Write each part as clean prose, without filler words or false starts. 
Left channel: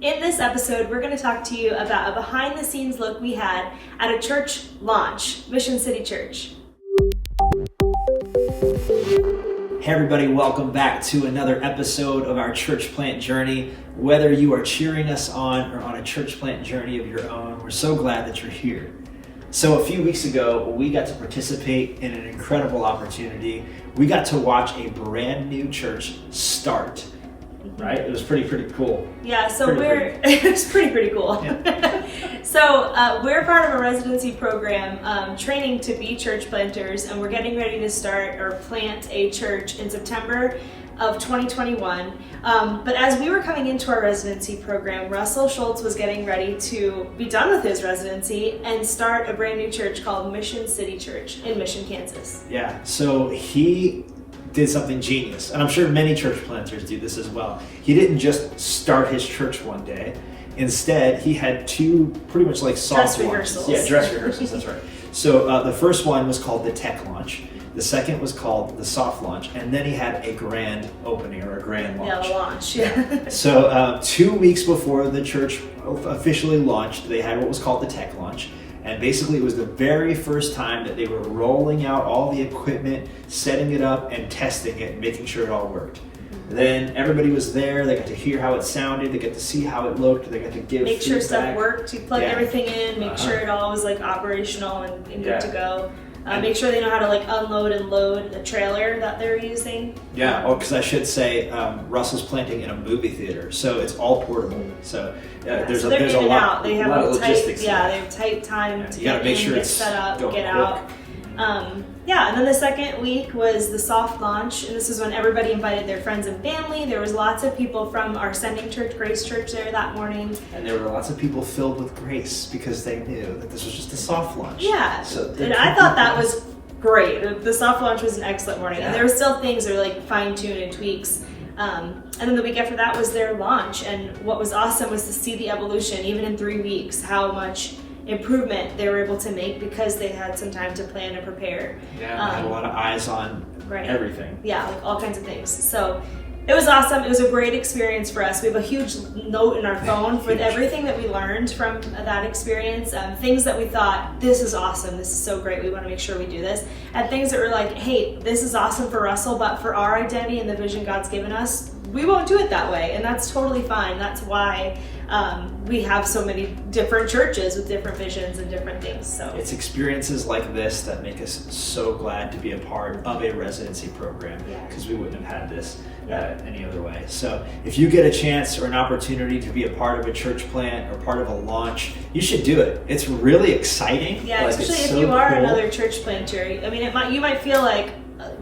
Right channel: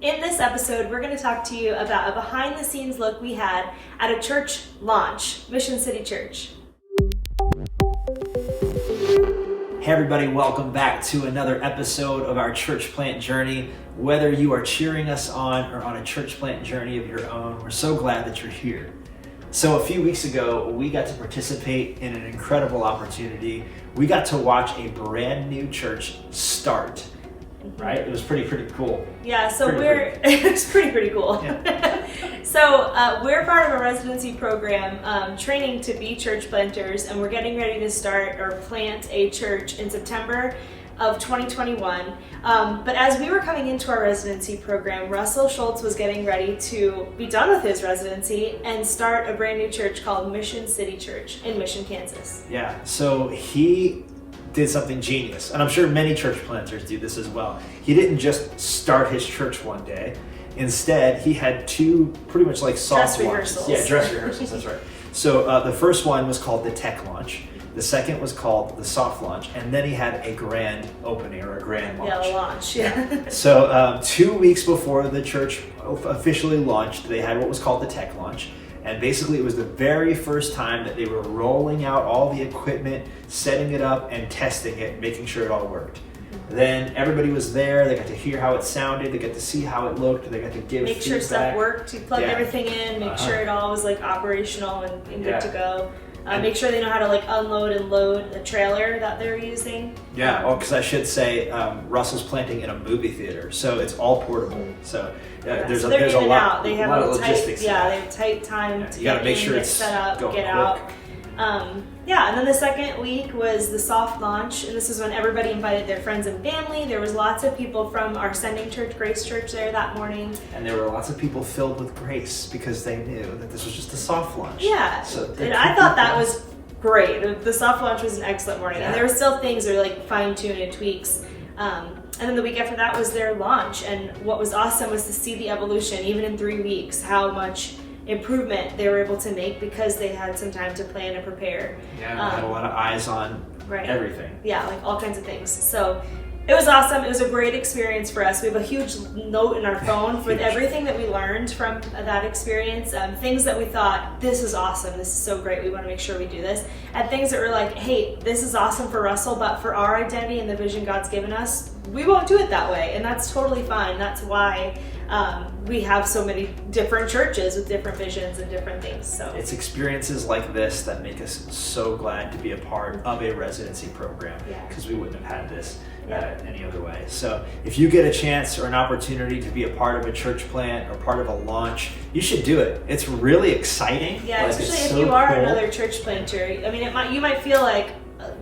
In this episode, we're going to talk to you about a behind-the-scenes look we had at a church launch, Mission City Church. Hey everybody, welcome back to another episode of our church plant journey. Whether you are cheering us on or on a church plant journey of your own, we're so glad that you're here. So a few weeks ago, we got to participate in an incredible opportunity. We got to watch a brand new church start. Right? It was pretty cool. Yeah, so it was pretty cool. Yeah. So we're part of a residency program training to be church planters, and we're getting ready to start or plant a church in September of 2021. But as we were coming into our residency program, Russell Schultz was getting ready to be done with his residency and start a brand new church called Mission City Church in Mission, Kansas. Yeah, so he did something genius, and I'm sure many church planters do this as well. He didn't just start his church one day. Instead, he had two pretty much like soft dress rehearsals. Yeah, dress rehearsals, that's right. So the first one was called the tech launch. The second was called the soft launch, and then he had a grand opening or a grand launch. Yeah, the launch, yeah. So 2 weeks before the church officially launched, they had what was called the tech launch. And basically it was the very first time that they were rolling out all the equipment, setting it up and testing it, making sure it all worked. Then everybody was there, they got to hear how it sounded, they got to see how it looked, they got to give Make feedback. Sure stuff worked, you plugged everything in, make sure it all was like operational and good to go. Make sure they know how to like unload and load the trailer that they're using. Yeah, because I should say Russell's planting in a movie theater, so it's all portable. So there's a lot of logistics. They have tight time to get in, get set up, get out. And then the second week was the soft launch, and this is when everybody invited their friends and family. There was lots of people from our sending church, Grace Church, there that morning. And there were lots of people filled with grace because they knew that this was just a soft launch. Yeah, and I thought that was great. The soft launch was an excellent morning, and there were still things that were like fine-tuned and tweaks. And then the week after that was their launch, and what was awesome was to see the evolution, even in 3 weeks, how much improvement they were able to make because they had some time to plan and prepare. Yeah, had a lot of eyes on everything. Yeah, like all kinds of things. So it was awesome. It was a great experience for us. We have a huge note in our phone for everything that we learned from that experience. Things that we thought, this is awesome, this is so great, we want to make sure we do this. And things that were like, hey, this is awesome for Russell, but for our identity and the vision God's given us, we won't do it that way. And that's totally fine. That's why we have so many different churches with different visions and different things. So it's experiences like this that make us so glad to be a part of a residency program, because we wouldn't have had this any other way. So if you get a chance or an opportunity to be a part of a church plant or part of a launch, you should do it. It's really exciting. Yeah, especially if you are another church planter. I mean, you might feel like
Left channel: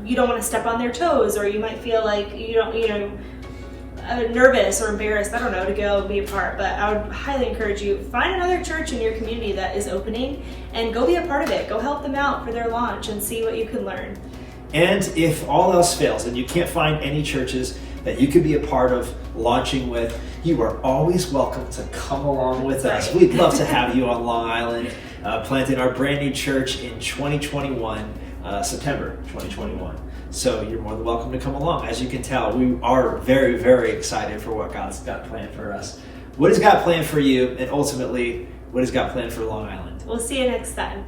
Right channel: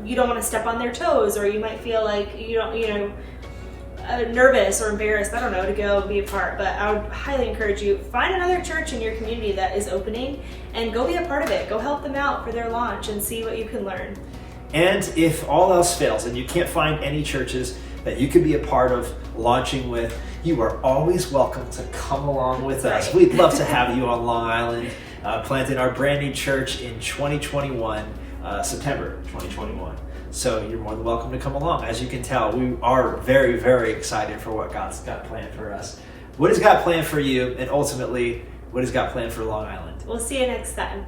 you don't want to step on their toes, or you might feel like nervous or embarrassed, I don't know, to go be a part. But I would highly encourage you, find another church in your community that is opening and go be a part of it. Go help them out for their launch and see what you can learn. And if all else fails and you can't find any churches that you could be a part of launching with, you are always welcome to come along with us. We'd love to have you on Long Island, planting our brand new church in 2021, September 2021. So you're more than welcome to come along. As you can tell, we are very, very excited for what God's got planned for us. What has God planned for you? And ultimately, what has God planned for Long Island? We'll see you next time.